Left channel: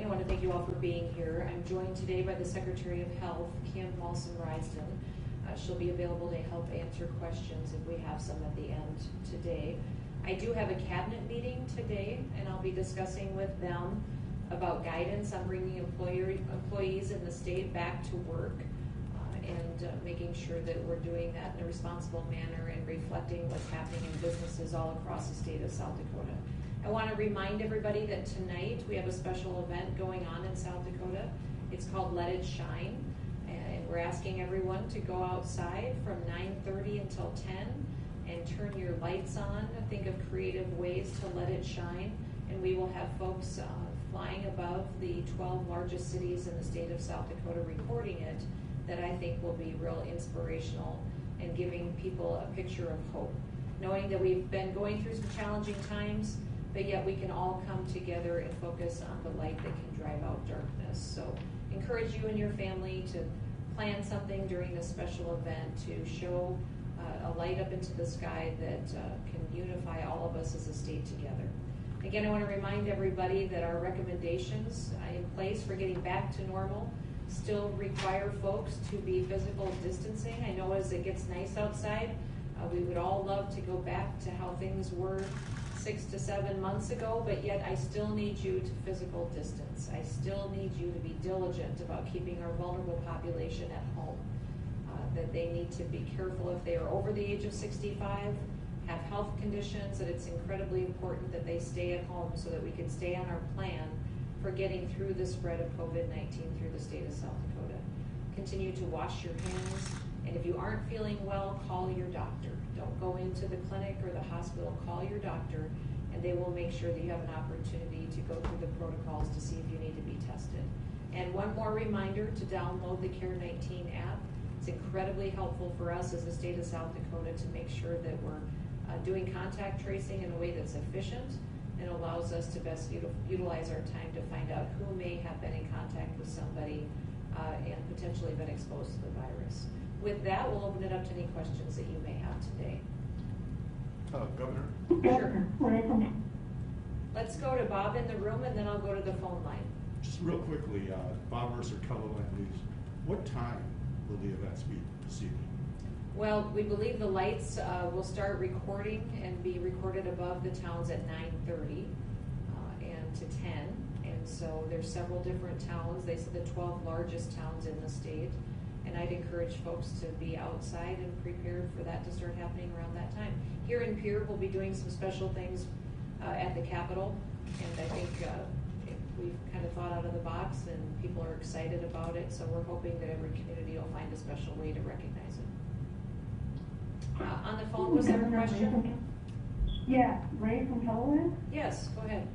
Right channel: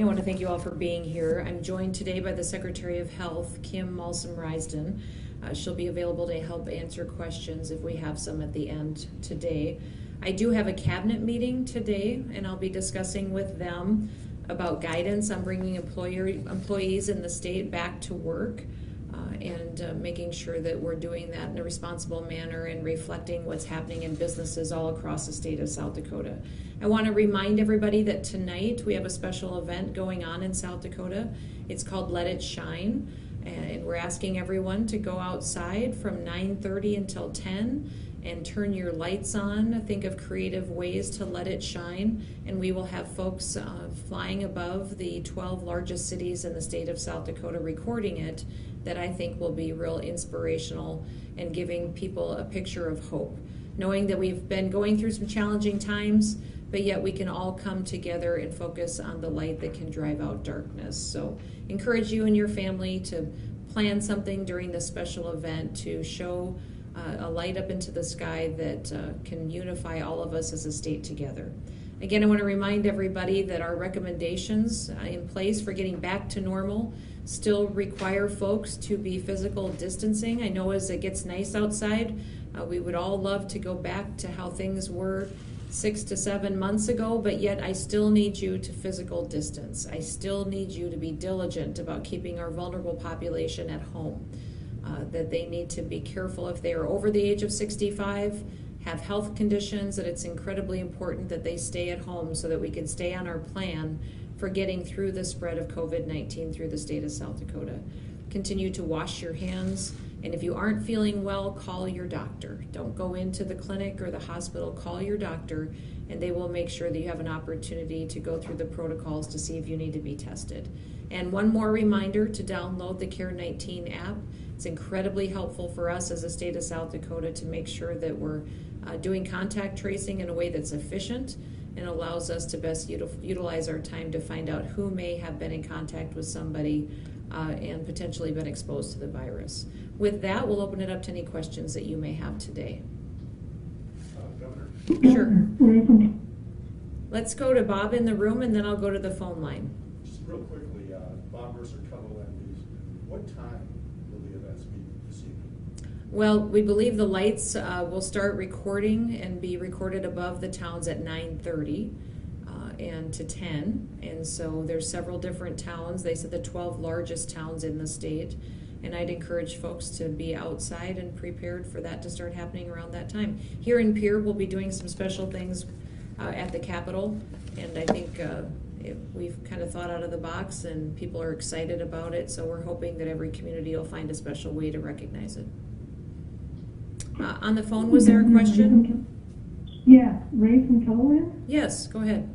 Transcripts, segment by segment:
morning. I want to thank you all for being here. I'm joined today by the Secretary of Health, Kim Malsom-Risden. She'll be available to help answer questions if we have some at the end today. I do have a cabinet meeting today, and I'll be discussing with them about guidance on bringing employees in the state back to work and making sure that we're doing that in a responsible manner and reflecting what's happening in businesses all across the state of South Dakota. I want to remind everybody that tonight we have a special event going on in South Dakota. It's called Let It Shine, and we're asking everyone to go outside from 9:30 until 10 and turn your lights on. Think of creative ways to let it shine, and we will have folks flying above the 12 largest cities in the state of South Dakota recording it, that I think will be real inspirational and giving people a picture of hope, knowing that we've been going through some challenging times, but yet we can all come together and focus on the light that can drive out darkness. So encourage you and your family to plan something during this special event to show a light up into the sky that can unify all of us as a state together. Again, I want to remind everybody that our recommendations in place for getting back to normal still require folks to be physical distancing. I know as it gets nice outside, we would all love to go back to how things were 6 to 7 months ago, but yet I still need you to physical distance. I still need you to be diligent about keeping our vulnerable population at home, that they need to be careful if they are over the age of 65, have health conditions, that it's incredibly important that they stay at home so that we can stay on our plan for getting through the spread of COVID-19 through the state of South Dakota. Continue to wash your hands, and if you aren't feeling well, call your doctor. Don't go into the clinic or the hospital, call your doctor, and they will make sure that you have an opportunity to go through the protocols to see if you need to be tested. And one more reminder to download the CARE-19 app. It's incredibly helpful for us as a state of South Dakota to make sure that we're doing contact tracing in a way that's efficient and allows us to best utilize our time to find out who may have been in contact with somebody and potentially been exposed to the virus. With that, we'll open it up to any questions that you may have today. Governor? Sure. Let's go to Bob in the room, and then I'll go to the phone line. Just real quickly, Bob Mercer, Colorado News. What time will the events be this evening? Well, we believe the lights will start recording and be recorded above the towns at 9:30 and to 10. And so there's several different towns. They said the 12 largest towns in the state. And I'd encourage folks to be outside and prepared for that to start happening around that time. Here in Pierre, we'll be doing some special things at the Capitol. And I think we've kind of thought out of the box and people are excited about it. So we're hoping that every community will find a special way to recognize it. On the phone, was there a question? Yeah, Ray from Colorado? Yes, go ahead.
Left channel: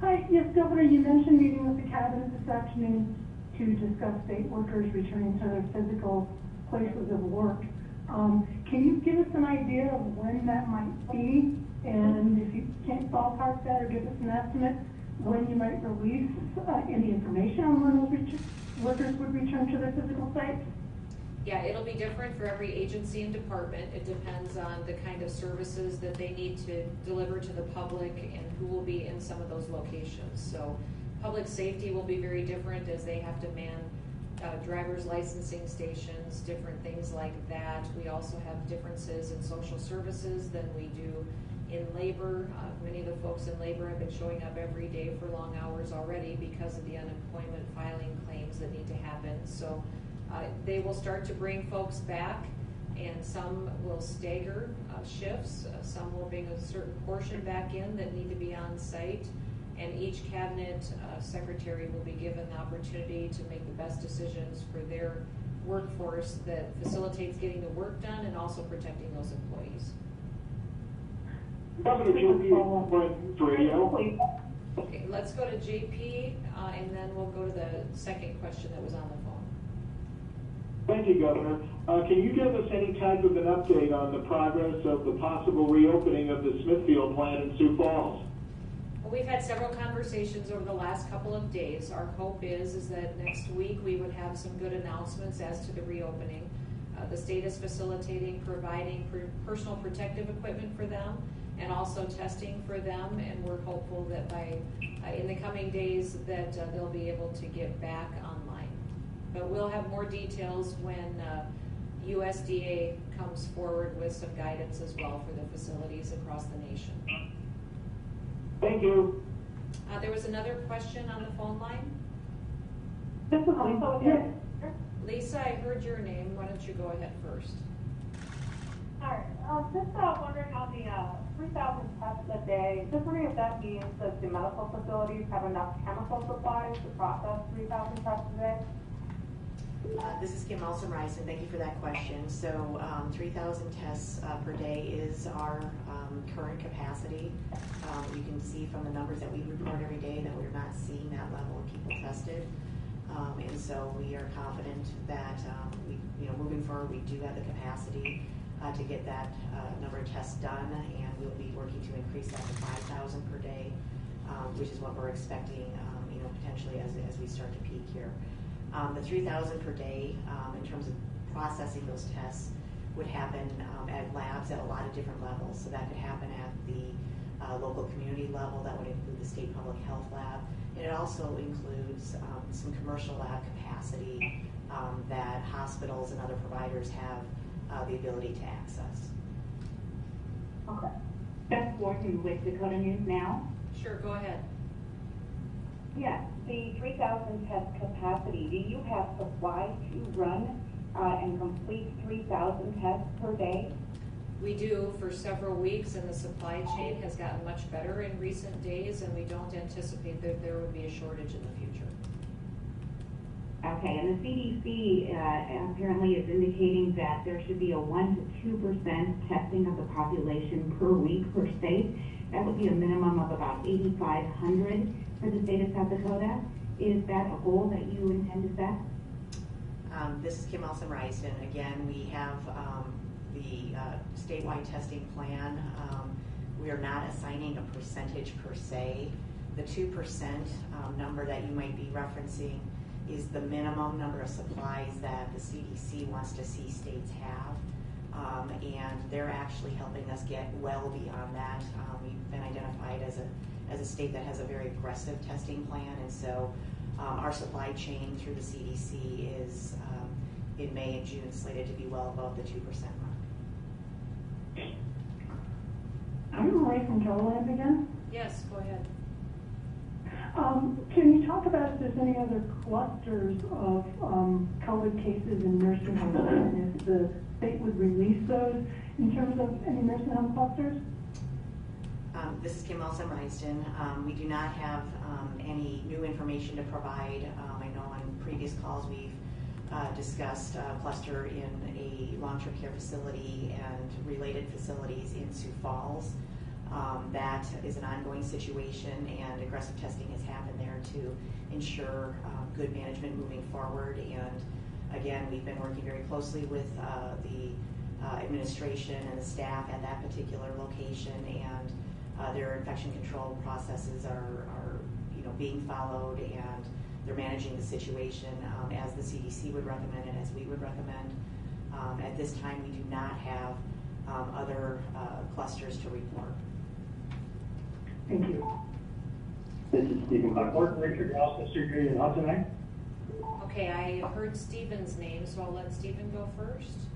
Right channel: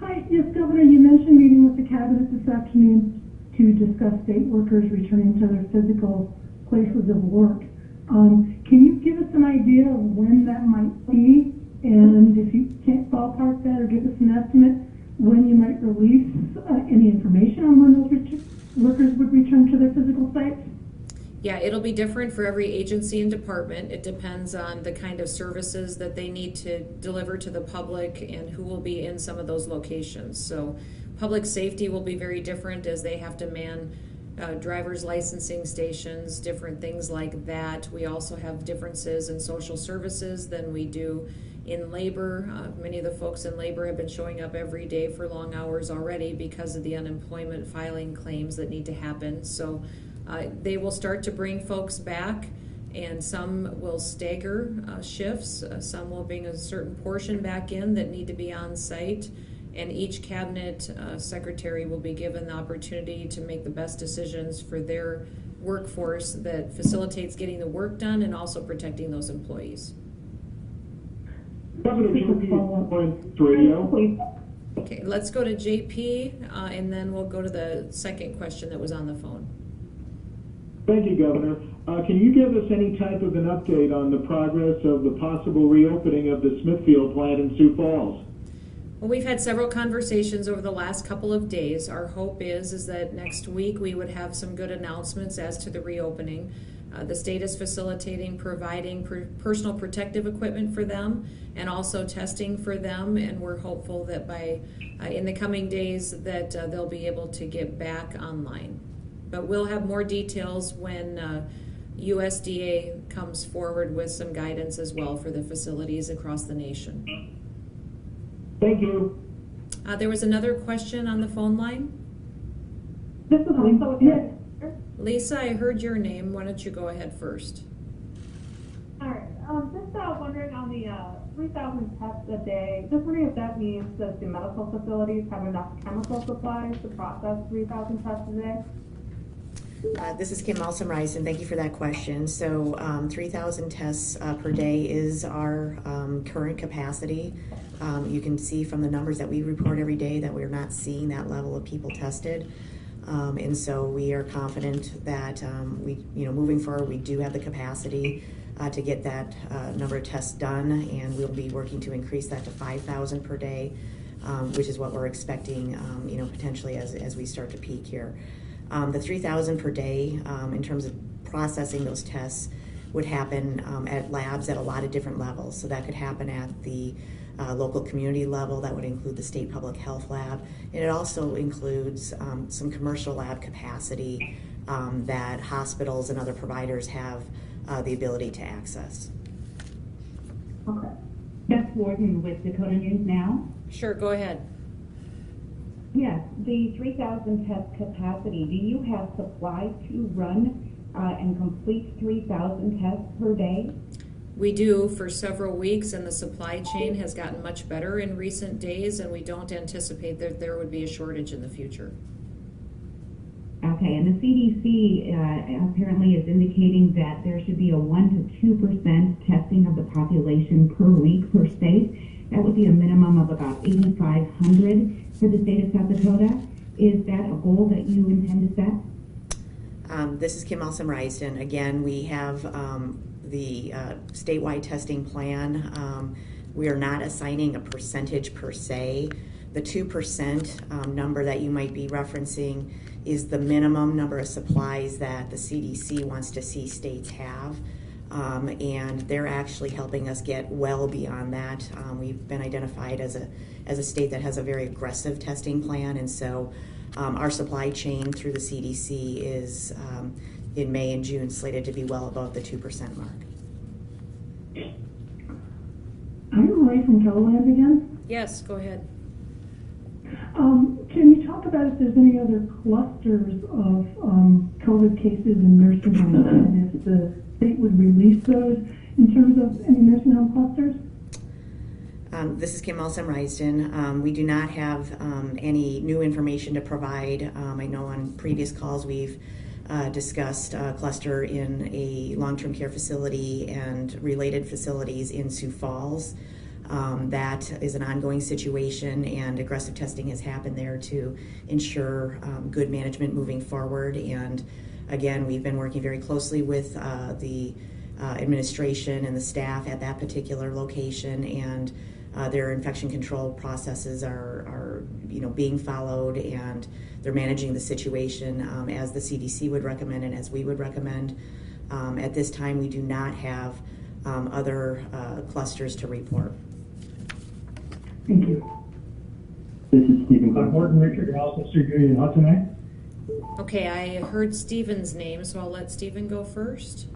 Hi, yes, Governor, you mentioned meeting with the cabinet this afternoon to discuss state workers returning to their physical places of work. Can you give us an idea of when that might be? And if you can't ballpark that or give us an estimate, when you might release any information on when those workers would return to their physical sites? Yeah, it'll be different for every agency and department. It depends on the kind of services that they need to deliver to the public and who will be in some of those locations. So public safety will be very different as they have to man driver's licensing stations, different things like that. We also have differences in social services than we do in labor. Many of the folks in labor have been showing up every day for long hours already because of the unemployment filing claims that need to happen. So they will start to bring folks back, and some will stagger shifts. Some will bring a certain portion back in that need to be on site, and each cabinet secretary will be given the opportunity to make the best decisions for their workforce that facilitates getting the work done and also protecting those employees. Governor JP, radio. Okay, let's go to JP, and then we'll go to the second question that was on the phone. Thank you, Governor. Can you give us any type of an update on the progress of the possible reopening of the Smithfield plant in Sioux Falls? Well, we've had several conversations over the last couple of days. Our hope is that next week we would have some good announcements as to the reopening. The state is facilitating providing personal protective equipment for them and also testing for them, and we're hopeful that by in the coming days that they'll be able to get back online. But we'll have more details when USDA comes forward with some guidance as well for the facilities across the nation. Thank you. There was another question on the phone line. This is Lisa. Yes. Lisa, I heard your name. Why don't you go ahead first? All right. Just wondering on the 3,000 tests a day, just wondering if that means that the medical facilities have enough chemical supplies to process 3,000 tests a day? This is Kim Malsom-Reisen. Thank you for that question. So 3,000 tests per day is our current capacity. You can see from the numbers that we report every day that we're not seeing that level of people tested. And so we are confident that moving forward, we do have the capacity to get that number of tests done, and we'll be working to increase that to 5,000 per day, which is what we're expecting, potentially as we start to peak here. The 3,000 per day, in terms of processing those tests, would happen at labs at a lot of different levels. So that could happen at the local community level. That would include the state public health lab. And it also includes some commercial lab capacity that hospitals and other providers have the ability to access. Okay. Beth Warden with Dakota News Now. Sure, go ahead. Yes, the 3,000 test capacity, do you have supply to run and complete 3,000 tests per day? We do for several weeks, and the supply chain has gotten much better in recent days, and we don't anticipate that there would be a shortage in the future. Okay, and the CDC apparently is indicating that there should be a 1 to 2% testing of the population per week per state. That would be a minimum of about 8,500 for the state of South Dakota. Is that a goal that you intend to set? This is Kim Malsom-Reisen. Again, we have the statewide testing plan. We are not assigning a percentage per se. The 2% number that you might be referencing is the minimum number of supplies that the CDC wants to see states have. And they're actually helping us get well beyond that. We've been identified as a state that has a very aggressive testing plan, and so our supply chain through the CDC is in May and June slated to be well above the 2% mark. I'm Ray from Keloland again. Yes, go ahead. Can you talk about if there's any other clusters of COVID cases in nursing homes, and if the state would release those in terms of any nursing home clusters? This is Kim Malsom-Reisen. We do not have any new information to provide. I know on previous calls we've discussed a cluster in a long-term care facility and related facilities in Sioux Falls. That is an ongoing situation, and aggressive testing has happened there to ensure good management moving forward. And again, we've been working very closely with the administration and the staff at that particular location, and their infection control processes are being followed, and they're managing the situation as the CDC would recommend and as we would recommend. At this time, we do not have other clusters to report. Thank you. This is Stephen Morton, Richard Ross, Surgery in Hudson. Okay, I heard Stephen's name, so I'll let Stephen go first.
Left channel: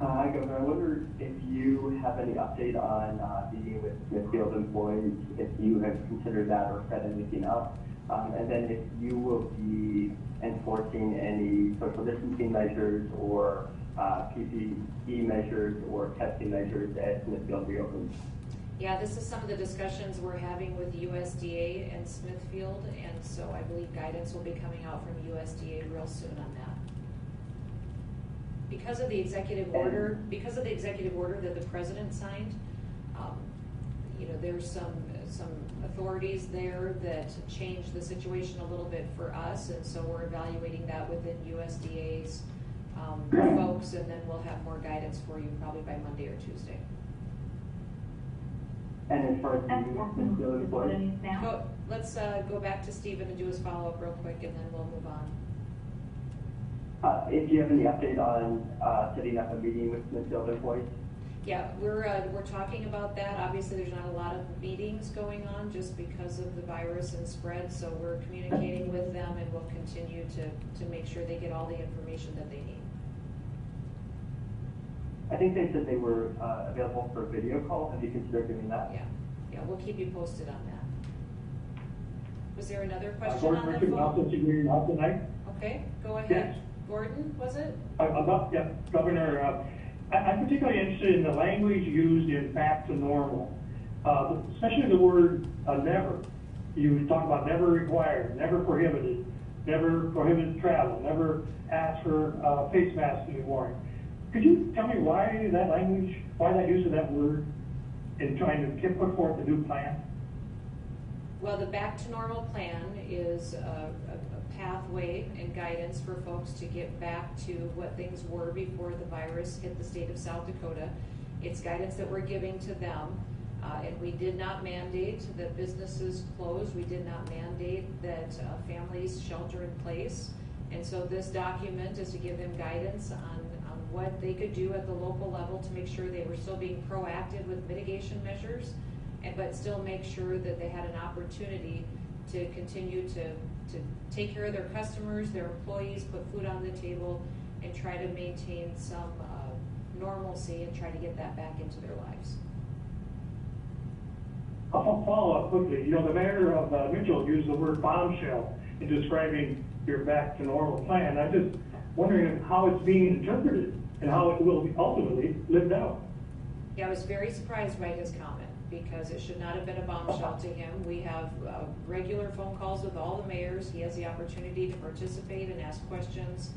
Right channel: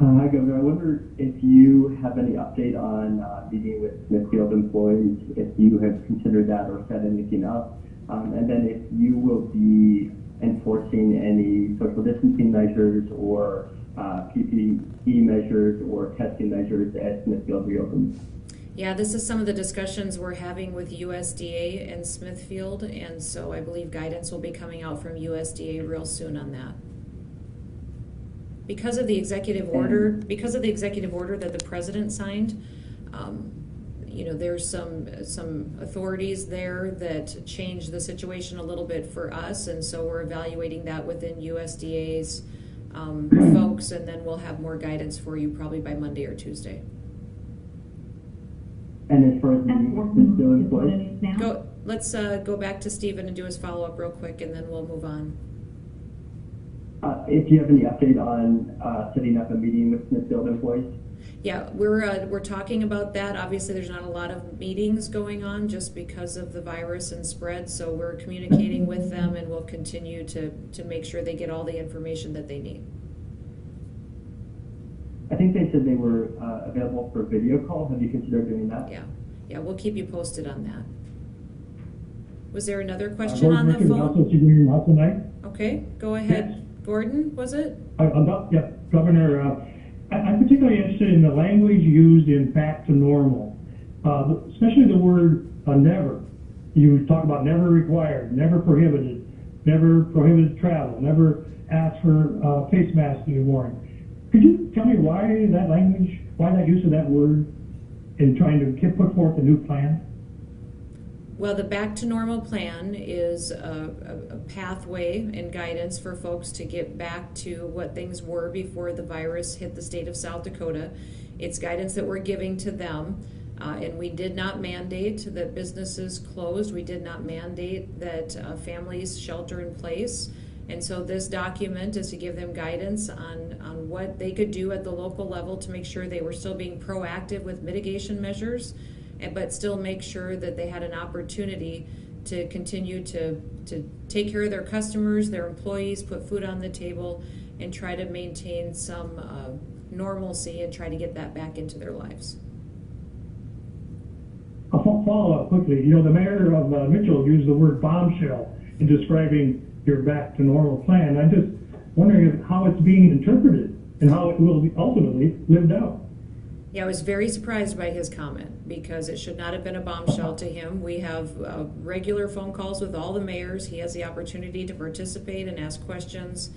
Hi, Governor. I wonder if you have any update on meeting with Smithfield employees, if you have considered that or set anything up, and then if you will be enforcing any social distancing measures or PPE measures or testing measures as Smithfield reopens. Yeah, this is some of the discussions we're having with USDA and Smithfield, and so I believe guidance will be coming out from USDA real soon on that. Because of the executive order, that the president signed, there's some authorities there that changed the situation a little bit for us, and so we're evaluating that within USDA's folks, and then we'll have more guidance for you probably by Monday or Tuesday. And as far as meeting with Smithfield employees? Let's go back to Stephen and do his follow-up real quick, and then we'll move on. if you have any update on setting up a meeting with Smithfield employees. Yeah, we're talking about that. Obviously, there's not a lot of meetings going on just because of the virus and spread, so we're communicating with them, and we'll continue to make sure they get all the information that they need. I think they said they were available for a video call. Have you considered doing that? Yeah, we'll keep you posted on that. Was there another question on the Gordon phone? also seeing you tonight. Okay, go ahead. Gordon, was it? Governor, I'm particularly interested in the language used in back to normal, especially the word never. You talk about never required, never prohibited travel, never asked for face masks to be worn. Could you tell me why that language, why that use of that word in trying to put forth a new plan? Well, the Back to Normal plan is a pathway and guidance for folks to get back to what things were before the virus hit the state of South Dakota. It's guidance that we're giving to them, and we did not mandate that businesses closed. We did not mandate that families shelter in place. And so this document is to give them guidance on what they could do at the local level to make sure they were still being proactive with mitigation measures, but still make sure that they had an opportunity to continue to take care of their customers, their employees, put food on the table, and try to maintain some normalcy and try to get that back into their lives. I'll follow up quickly. The mayor of Mitchell used the word bombshell in describing your back to normal plan. I'm just wondering how it's being interpreted and how it will be ultimately lived out. Yeah, I was very surprised by his comment because it should not have been a bombshell to him. We have regular phone calls with all the mayors. He has the opportunity to participate and ask questions.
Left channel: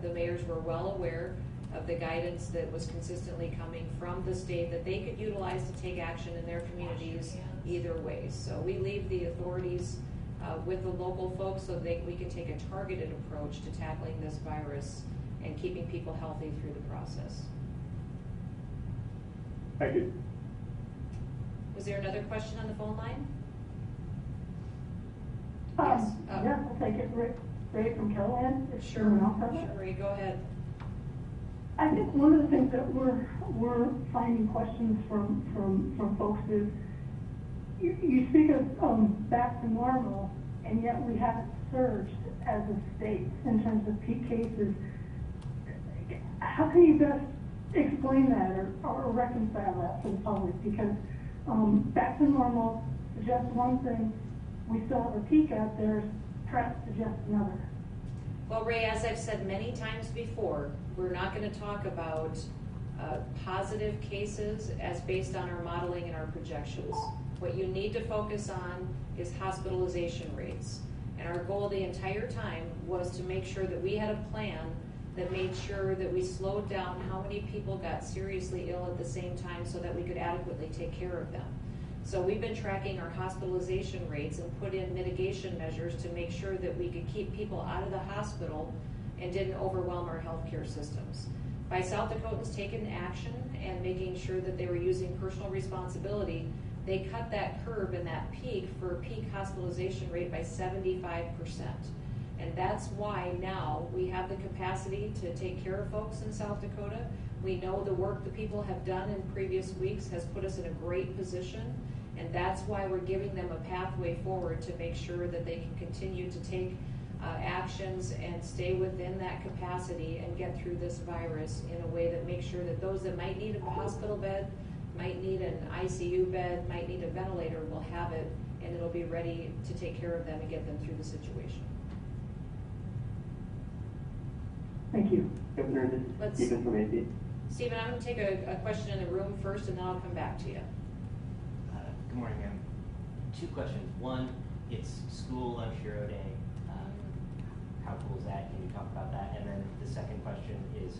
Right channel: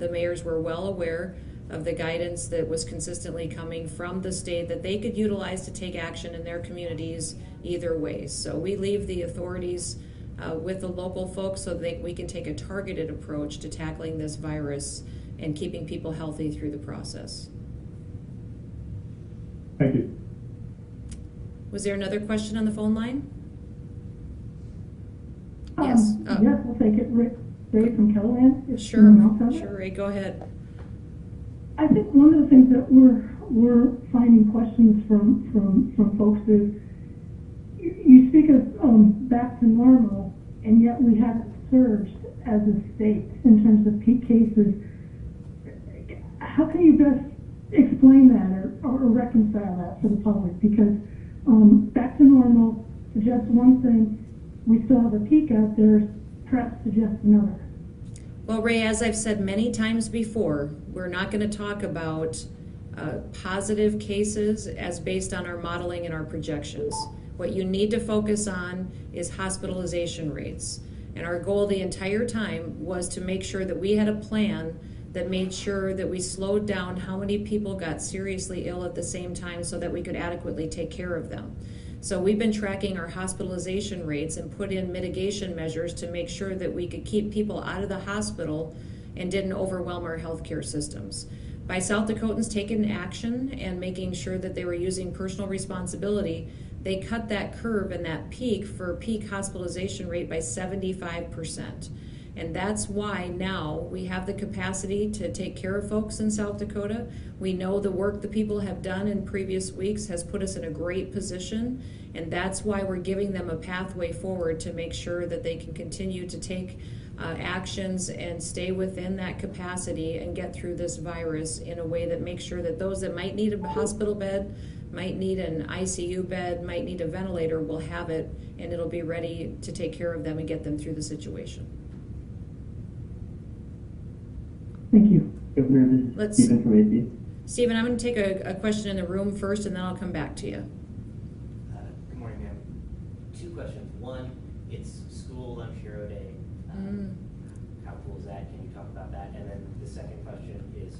The mayors were well aware of the guidance that was consistently coming from the state that they could utilize to take action in their communities either way. So we leave the authorities with the local folks so that we can take a targeted approach to tackling this virus and keeping people healthy through the process. Thank you. Was there another question on the phone line? Yes. Oh. Yes, I'll take it. Ray from Carolyn. If Sure, someone else has it. sure, Ray, go ahead. I think one of the things that we're finding questions from folks is you speak of back to normal, and yet we haven't surged as a state in terms of peak cases. How can you best explain that or reconcile that for the public? Because back to normal suggests one thing, we still have a peak out there, perhaps suggests another. Well, Ray, as I've said many times before, we're not going to talk about positive cases as based on our modeling and our projections. What you need to focus on is hospitalization rates. And our goal the entire time was to make sure that we had a plan that made sure that we slowed down how many people got seriously ill at the same time so that we could adequately take care of them. So we've been tracking our hospitalization rates and put in mitigation measures to make sure that we could keep people out of the hospital and didn't overwhelm our healthcare systems. By South Dakotans taking action and making sure that they were using personal responsibility, they cut that curve and that peak for peak hospitalization rate by 75%. And that's why now we have the capacity to take care of folks in South Dakota. We know the work the people have done in previous weeks has put us in a great position, and that's why we're giving them a pathway forward to make sure that they can continue to take actions and stay within that capacity and get through this virus in a way that makes sure that those that might need a hospital bed, might need an ICU bed, might need a ventilator will have it, and it'll be ready to take care of them and get them through the situation. Thank you. Governor, this is Stephen from AP. Stephen, I'm going to take a question in the room first, and then I'll come back to you. Good morning, ma'am. Two questions. One, it's School Lunch Hero Day. How cool is that? Can you talk about that? And then the second question is,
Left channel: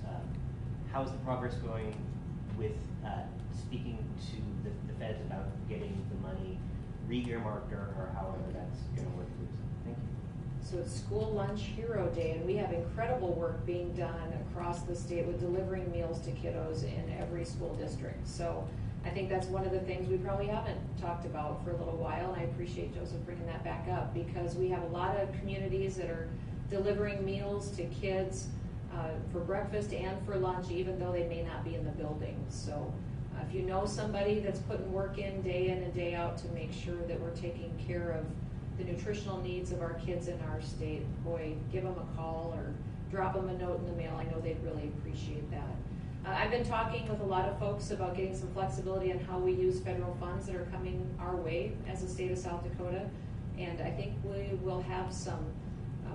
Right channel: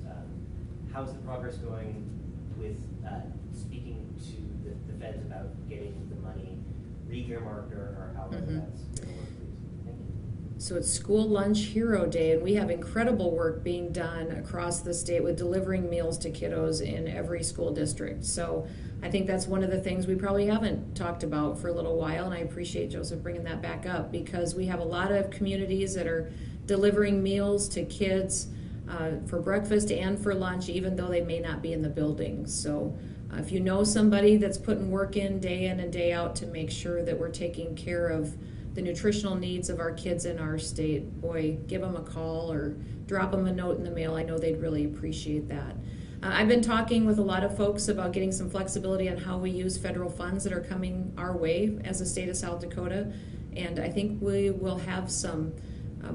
how is the progress going with speaking to the feds about getting the money re-earmarked or however that's going to work, please? Thank you. So it's School Lunch Hero Day, and we have incredible work being done across the state with delivering meals to kiddos in every school district. So I think that's one of the things we probably haven't talked about for a little while, and I appreciate Joseph bringing that back up because we have a lot of communities that are delivering meals to kids for breakfast and for lunch, even though they may not be in the building. So if you know somebody that's putting work in and day out to make sure that we're taking care of the nutritional needs of our kids in our state, boy, give them a call or drop them a note in the mail. I know they'd really appreciate that. I've been talking with a lot of folks about getting some flexibility on how we use federal funds that are coming our way as a state of South Dakota, and I think we will have some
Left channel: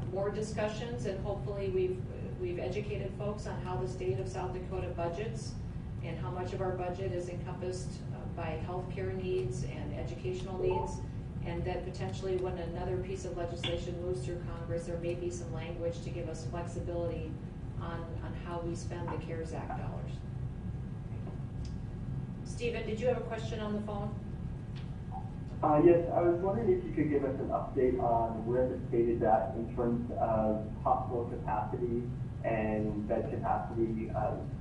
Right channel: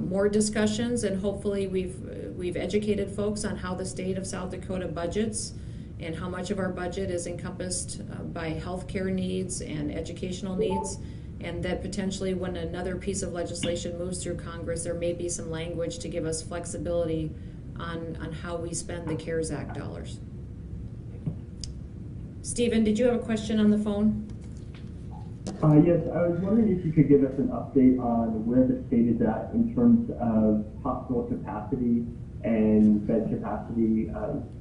more discussions, and hopefully we've educated folks on how the state of South Dakota budgets and how much of our budget is encompassed by healthcare needs and educational needs, and that potentially when another piece of legislation moves through Congress, there may be some language to give us flexibility on how we spend the CARES Act dollars. Stephen, did you have a question on the phone? Yes, I was wondering if you could give us an update on where the state is at in terms of hospital capacity and bed capacity.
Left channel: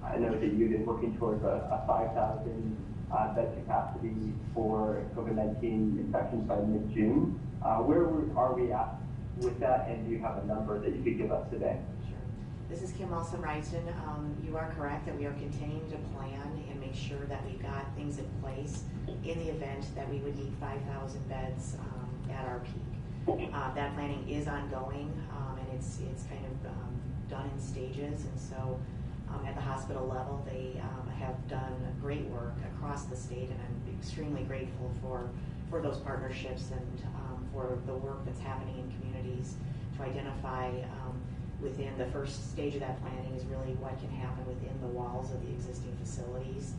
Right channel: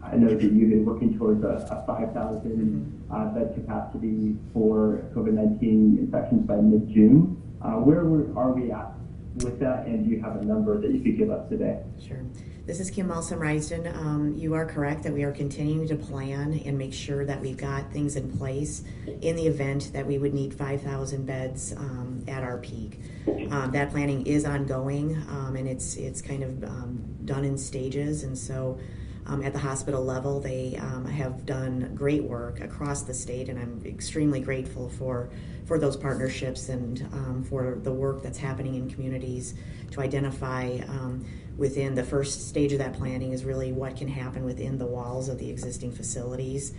I know that you've been working towards a 5,000 bed capacity for COVID-19 infections by mid-June. Where are we at with that, and do you have a number that you could give us today? Sure. This is Kim Malsom-Risden. You are correct that we are continuing to plan and make sure that we've got things in place in the event that we would need 5,000 beds at our peak. That planning is ongoing, and it's kind of done in stages, and so at the hospital level they have done great work across the state, and I'm extremely grateful for those partnerships and for the work that's happening in communities to identify within the first stage of that planning is really what can happen within the walls of the existing facilities,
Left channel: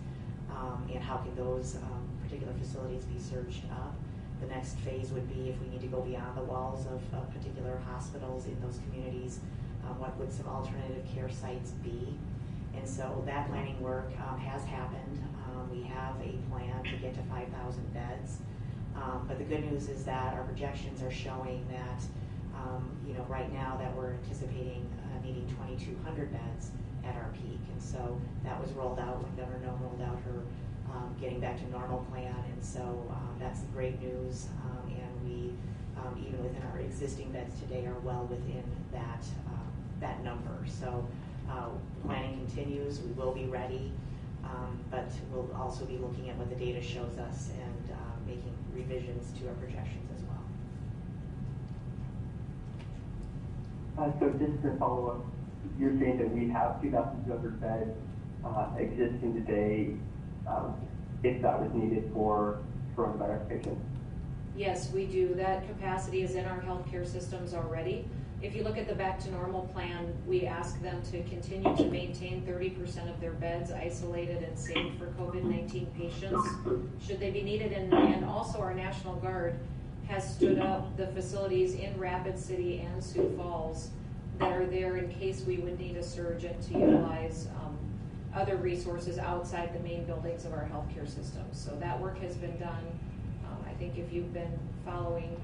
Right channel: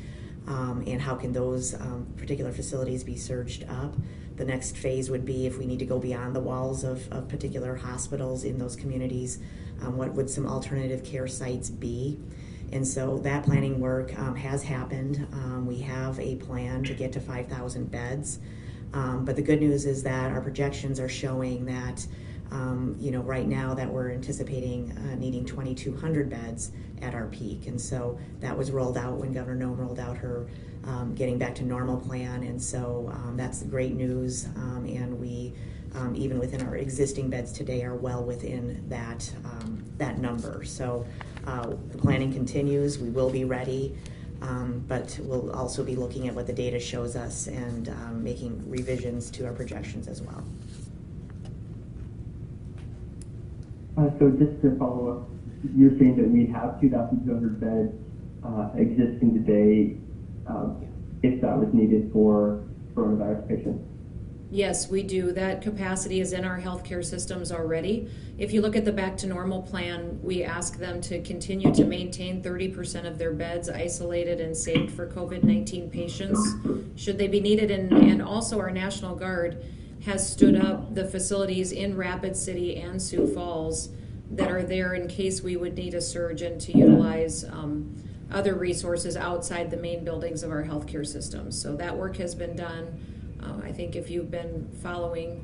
and how can those particular facilities be surged up. The next phase would be if we need to go beyond the walls of particular hospitals in those communities, what would some alternative care sites be? And so that planning work has happened. We have a plan to get to 5,000 beds, but the good news is that our projections are showing that right now that we're anticipating needing 2,200 beds at our peak. And so that was rolled out when Governor Noem rolled out her getting back to normal plan. And so that's great news. And we, even within our existing beds today, are well within that number. So the planning continues. We will be ready. But we'll also be looking at what the data shows us and making revisions to our projections as well. So just to follow up, you're saying that we have 2,200 beds existing today if that was needed for coronavirus patients? Yes, we do. That capacity is in our healthcare systems already. If you look at the Back to Normal plan, we ask them to continue to maintain 30% of their beds isolated and saved for COVID-19 patients, should they be needed. And also our National Guard has stood up the facilities in Rapid City and Sioux Falls that are there in case we would need a surge and to utilize other resources outside the main buildings of our healthcare systems. So that work has been done. I think if you've been following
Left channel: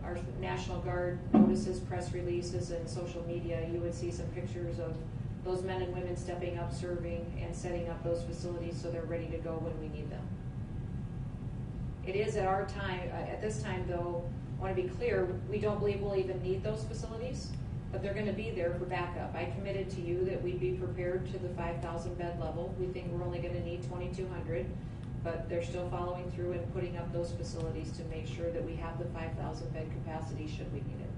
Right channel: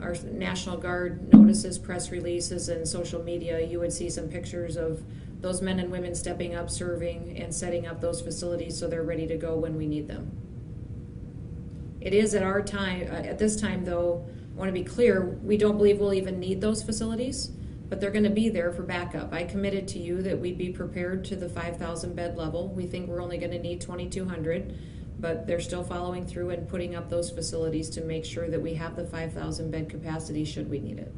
our National Guard notices, press releases, and social media, you would see some pictures of those men and women stepping up, serving, and setting up those facilities so they're ready to go when we need them. It is at our time, at this time though, I want to be clear, we don't believe we'll even need those facilities, but they're going to be there for backup. I committed to you that we'd be prepared to the 5,000 bed level. We think we're only going to need 2,200, but they're still following through and putting up those facilities to make sure that we have the 5,000 bed capacity should we need it.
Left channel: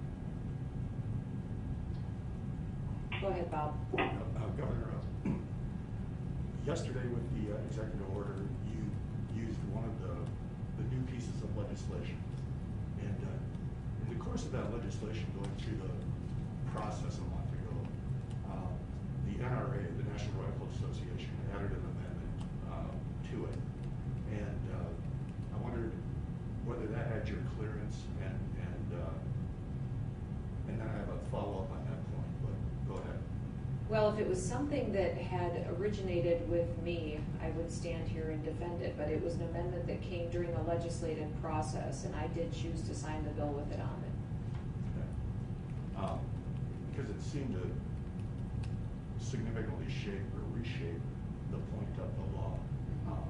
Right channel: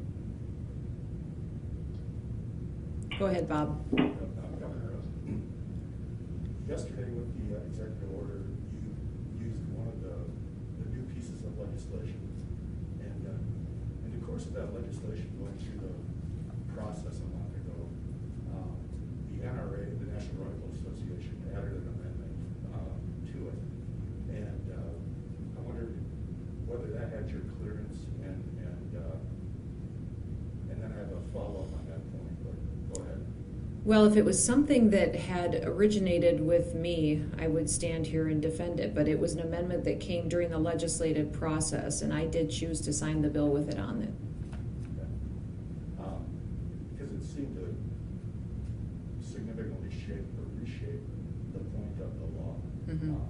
Go ahead, Bob. Governor, yesterday with the executive order, you used one of the new pieces of legislation. And in the course of that legislation, going through the process a month ago, the NRA, the National Rifle Association, added an amendment to it. And I wondered whether that had your clearance, and then I have a follow-up on that point, but go ahead. Well, if it was something that had originated with me, I would stand here and defend it, but it was an amendment that came during the legislative process, and I did choose to sign the bill with it on it. Okay. Because it seemed to significantly shape or reshape the point of the law. Mm-hmm.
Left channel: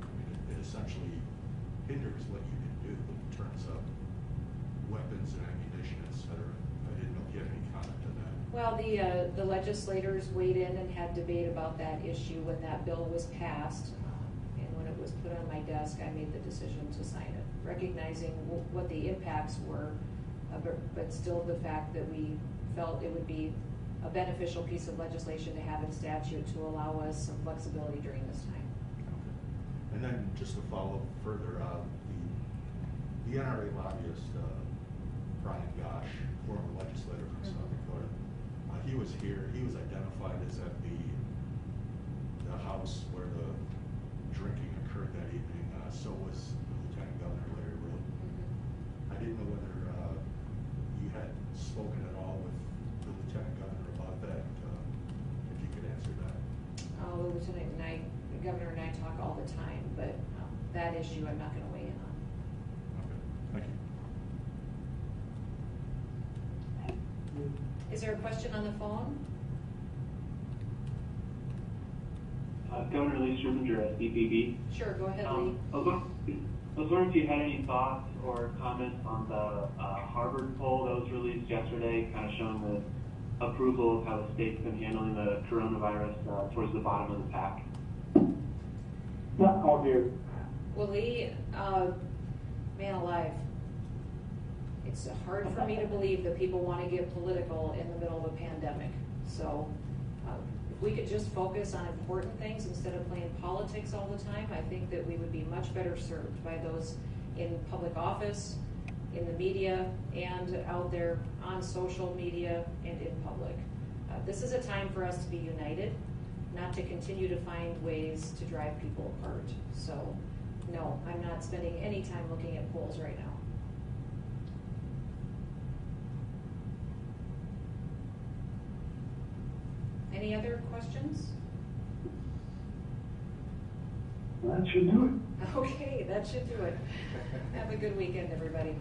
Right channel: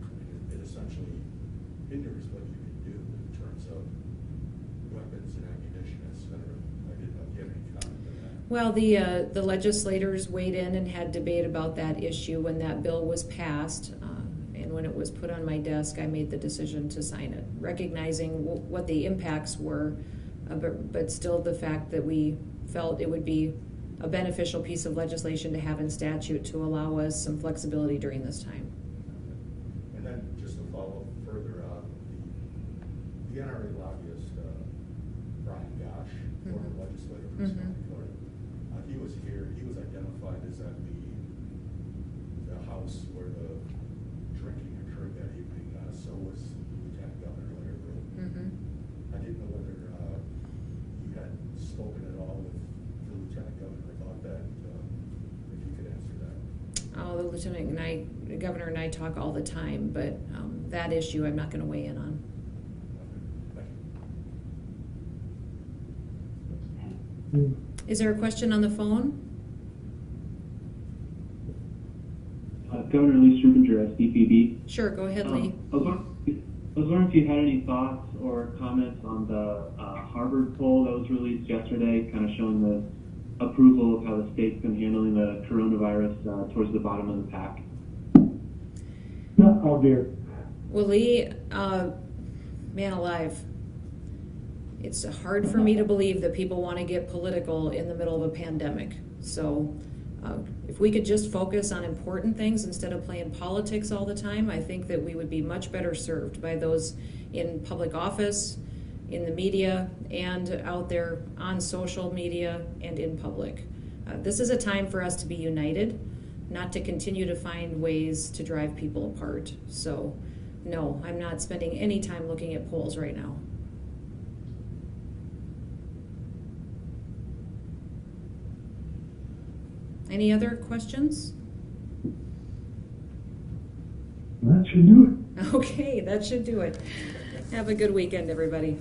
I mean, it essentially hinders what you can do in terms of weapons and ammunition, et cetera. I didn't know if you had any comment on that. Well, the legislators weighed in and had debate about that issue when that bill was passed. And when it was put on my desk, I made the decision to sign it, recognizing what the impacts were, but still the fact that we felt it would be a beneficial piece of legislation to have in statute to allow us some flexibility during this time. And then just to follow further, the NRA lobbyist, Brian Gosh, former legislator from South Dakota, he was here. He was identified as at the house where the drinking occurred that evening. So was Lieutenant Governor Larry Rowe. I didn't know whether you had spoken at all with the Lieutenant Governor about that. If you could answer that. Oh, the Governor and I talk all the time, but that issue I'm not going to weigh in on. Okay, thank you. Is there a question on the phone? Governor Lee Strubinger, SDPB. Sure, go ahead, Lee. I was wondering if you had any thoughts or comments on the Harvard poll that was released yesterday, kind of showing the approval of how the state's been handling the coronavirus towards the bottom of the pack. No, oh dear. Well, Lee, man alive. It's hard for me to believe that people want to get political in the middle of a pandemic. So if we could just focus on important things instead of playing politics all the time, I think that we would be much better served by those in public office, in the media, and out there on social media and in public. This is a time for us to be united, not to continue to find ways to drive people apart. So no, I'm not spending any time looking at polls right now. Any other questions? That should do it. Okay, that should do it. Have a good weekend, everybody.